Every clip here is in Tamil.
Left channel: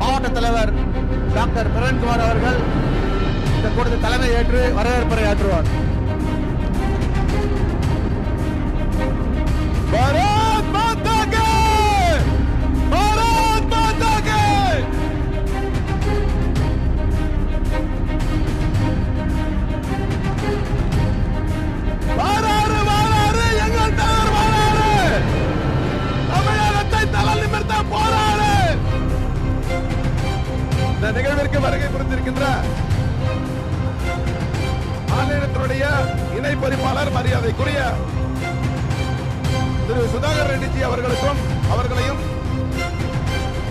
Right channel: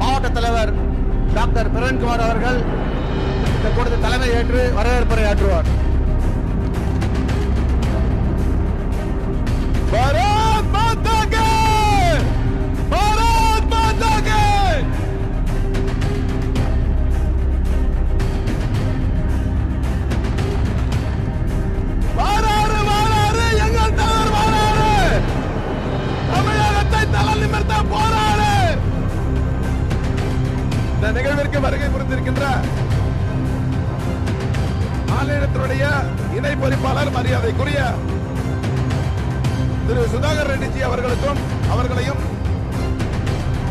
மாவட்ட தலைவர் டாக்டர் பிரவன்குமார் அவர்கள் இந்த கூட்டத்தில் தலைமை ஏற்று வரவேற்புரை ஆற்றுவார். நிகழ்விற்கு வருகை புரிந்திருக்கின்ற மாநிலத்தினுடைய இணை பொறிப்பாளர் மரியாதைக்குரிய திரு சுதாகர் ரெட்டிஜி அவர்களுக்கும் அவர்களையும்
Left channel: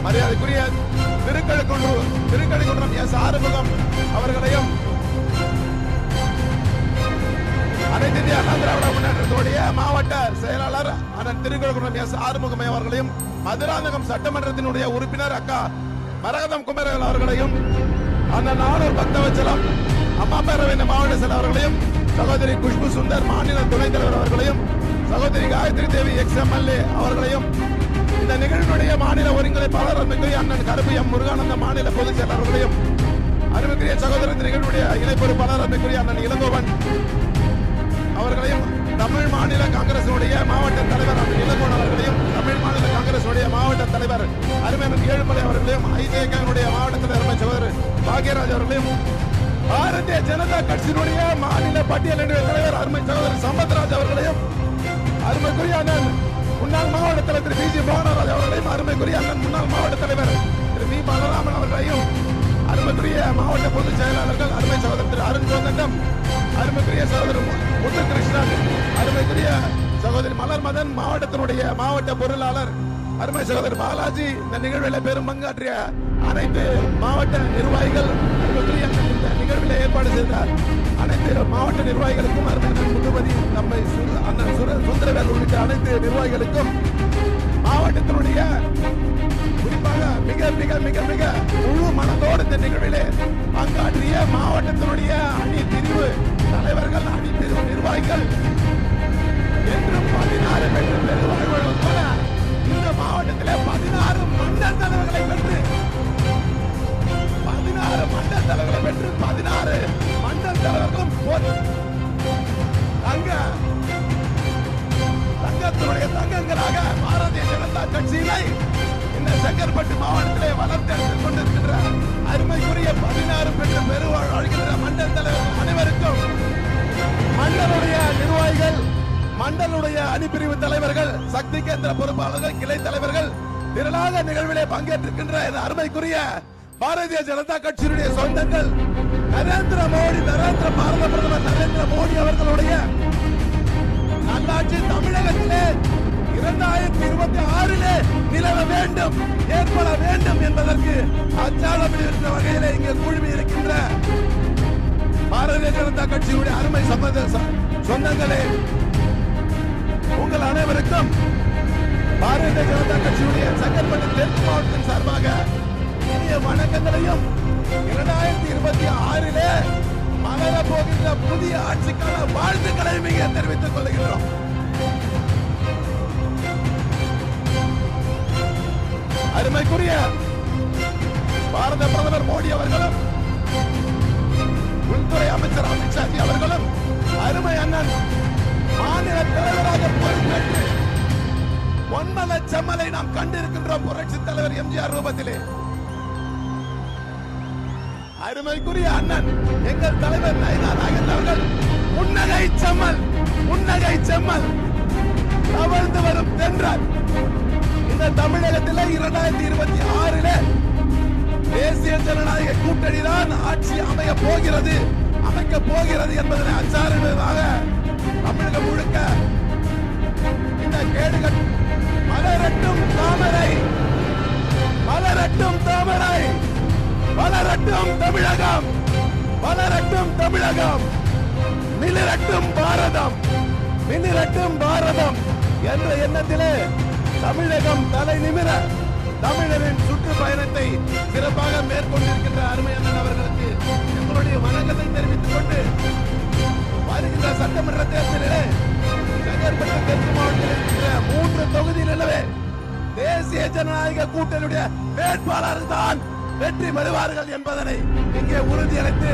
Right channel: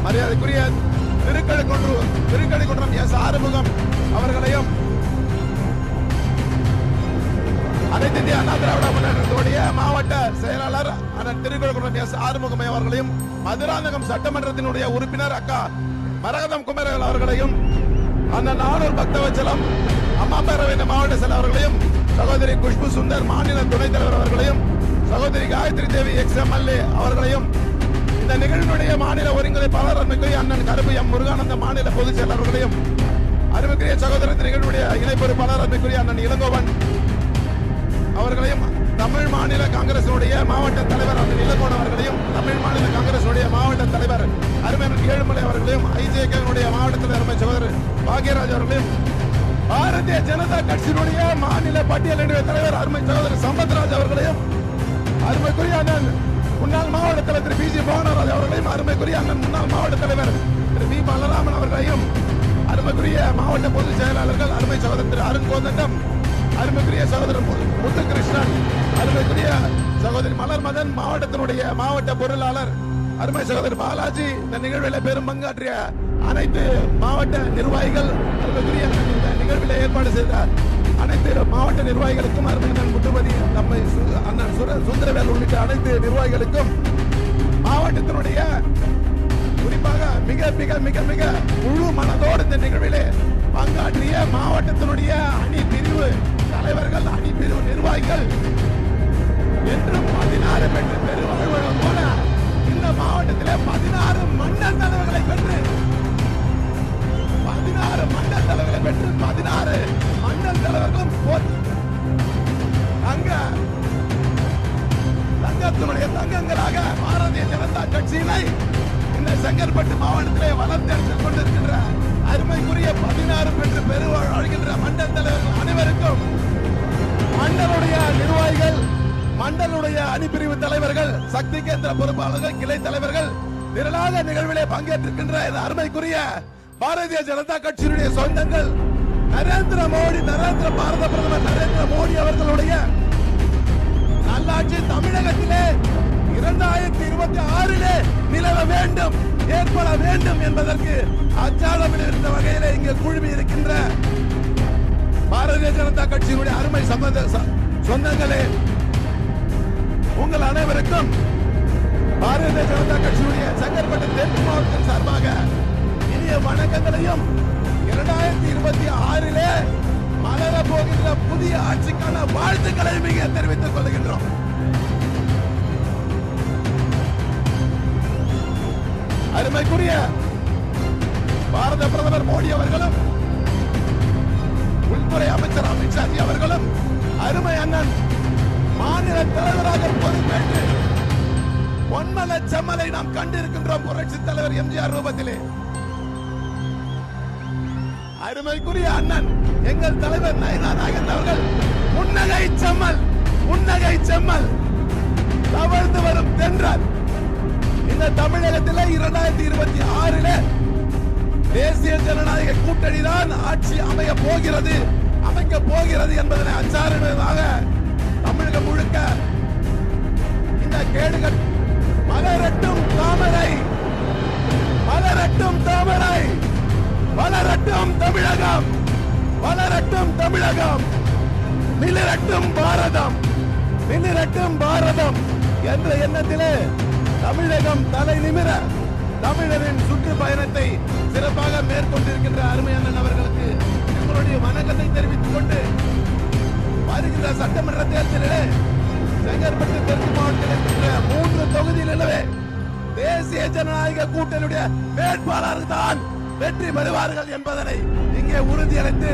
மரியாதைக்குரிய திருக்கழுக்குன்று திருக்கழுக்குன்றம் எஸ் ஆறுமுகம் அவர்களையும் அனைத்து இந்திய அண்ணா திராவிட முன்னேற்றத்துடைய மாவட்ட செயலாளர் அண்ணன் திருக்கழுக்குன்றம் எஸ் ஆறுமுகமை அவர்களையும் மதுராந்தகம் சட்டமன்றத்தினுடைய உறுப்பினர் அக்கா மரகதம் குமரவேல் அவர்களையும் அந்த நானூர் பக்தவச்சலம் அம்மா பேரவை மாவட்ட செயலர் அவர்களையும் சகோதரி குஷ்பு சுந்தர் மாநில துணைத் தலைவர் அவர்களையும் சகோதரி காயத்ரி தேவி எக்ஸ் எம்எல்ஏ அவர்களையும் இந்த நிகழ்வினுடைய மாநில ஒருங்கிணைப்பாளர் அருமைக்குரிய அண்ணன் கருப்பு எம் முருகானந்த மாநில பொதுச் செயலர் அவர்களையும் அருமைக்குரிய சகோதரர் நிகழ்வுடைய இணை பொறுப்பாளர் அருமைக்குரிய அண்ணன் இளங்கோவன் அவர்களையும் தமிழ் மாநில காங்கிரசினுடைய மாவட்ட தலைவர் அந்த நிலகோன் அவர்களையும் தமிழ் மாநில காங்கிரசுடைய மாவட்ட தலைவர் அருமையன் ஏழுமலை அவர்களையும் ஐஜேகனுடைய மாவட்ட தலைவர் அருமை சகோதரர் பாக்யராஜ் அவர்களையும் பாரதிய ஜனதா கட்சியினுடைய மாநில பட்டியலினுடைய தலைவர் அருமை சகோதரர் சம்பத்ராஜ் அவர்களையும் அருமைக்குரிய அண்ணன் முன்னாள் மாவட்ட தலைவர் திரு பி ஜி மோகனராஜ் அவர்களையும் அருமைக்குரிய அண்ணன் முன்னாள் மாவட்ட தலைவர் திரு வி பலராமன் அவர்களையும் அருமைக்குரிய மாவட்ட பொதுச் செயலாளர்கள் அருமை சகோதரர் திரு அருண் கோதண்டம் அருமைக்குரிய சகோதரர் முத்துகிருஷ்ணன் அருமைக்குரிய சகோதரி மலர் மதன் மாவட்டத்தினுடைய மாவட்ட பொருளாளர் அருமை சகோதரர் பாலாஜி இந்த நிகழ்வில் பெரும் பங்காற்றிய அனைத்து மாவட்ட நிர்வாகிகள் அருமைக்குரிய இந்த நிகழ்வில் ஏற்பாடு செய்தார். அனைத்து மாவட்ட நிர்வாகிகளுக்கும் அருமை முதுபதி முத்துபதி நம்மை சு- அண்ணன் சுர- சுந்தரவேல் உள்ளிட்ட அனைத்து நிர்வாகிகளுக்கும் மாவட்டத்தினுடைய குறிப்பாக மிக மிக மிக மிக முழு மனதோடு இந்த நிகழ்விலே பங்காற்றிய மாவட்டத்தினுடைய அணி பிரிவு தலைவர்கள் அணி நிர்வாகிகள். என்று பதினாறு பெற்று பெருவாழ்வது போல இந்த மாவட்டத்திலே பதினாறு மண்டல் தலைவர்களை பெற்று பதினாறு மண்டல் தலைவர்களை பெற்று பதினாறு மண்டல் தலைவர்களும் தங்க தங்கத்தினுடைய தங்கங்களாக பாரதிய ஜனதா கட்சியினை இந்த செங்கற்பட்டு மாவட்டத்திலே வளர்த்தெடுத்துக் கொண்டு மண்டலுடைய அணிப்பிரிவு தலைவர்கள் சக்தி கேந்திர பொறுப்பாளர்கள் கிளை தலைவர்கள் திரளாக நிகழ்விலே பங்கேற்றிருக்கின்ற அருமைக்குரிய பாரதிய ஜனதா கட்சியினுடைய சொந்தங்கள் நரேந்திர மோடி நரேந்திர பாரத பிரதமர் நரேந்திர மோடி அவர்களுடைய நல்லாட்சி தமிழகத்திலே இரண்டாயிரத்தி இருபத்தி ஆறிலே நிலவ வேண்டும் ஏற்பட வேண்டும் என்பதற்கு அச்சாதமிடுகின்ற வகையிலே இங்கே குழுமி இருக்கின்ற பாரதிய ஜனதா கட்சியினுடைய அருமை சம்பந்த சொந்தங்களே உங்கள் அனைவருக்கும் பாரதிய ஜனதா கட்சியுடைய செங்கற்பட்டு தெற்கு மாவட்டத்தின் சார்பாக இனிய வணக்கங்களையும் இரண்டாயிரத்தி இருபத்தி ஆறிலே மலர போகின்ற புதிய ஆட்சிக்கான வாழ்த்துக்களையும் இங்கே தெரிவித்துக் கொள்கின்றோம். அருமைக்குரிய பாரத பிரதமர் மோடி அவர்களும் உள்துறை அமைச்சர் அமித்ஷாஜி அவர்களும் அருமை அண்ணன் மாநில பொன்மல செம்மலை நாம் கண்டிருக்கின்றோம் புரட்சி தலைவர் எம்ஜிஆர் ரூபத்திலே. அருமைக்குரிய அண்ணன் எங்கள் தலைவர் நயனா நாகேந்திர அவர்கள் புன்னகை செம்மல் முன்னகை செம்மல் தவழ்ந்து வரும் தென்றல். இந்த தமிழகத்தில் இரண்டாயிரத்தி இருபத்தி ஆறில் தேசிய ஜனநாயக கூட்டணி தான் ஆட்சி அமைய போகிறது அமைக்க போகிறது என்பதனை அச்சாரிடுவதாக தமிழகம் முழுக்க இந்த கேடுகள் மலரட்டும் தாமரை. மலரட்டும் தாமரை. வளரட்டும் தமிழகம். வளரட்டும் தமிழகம். மிளிரட்டும் பாரதம். மிளிரட்டும் பாரதம் என்ற எண்ணத்திலே தமிழகம் தலை நிமிர தமிழரின் சுற்றுப்பயணத்தை சிறப்பாக மேற்கொண்டிருக்கின்ற அருமையண்ணன் அவர்களுக்கு எங்களுடைய வணக்கத்தை தெரிவித்துக் கொண்டு வருகின்ற சட்டமன்ற தேர்தலிலே செங்கற்பட்டு தெற்கு மாவட்டத்தில் இருக்கின்ற மூன்று தொகுதியில் நிலவே தேசிய ஜனநாயக கூட்டணியுடைய வேட்பாளர்கள் தான் வெற்றி பெறுவார்கள் என்பதனை இங்கே உறுதியளித்து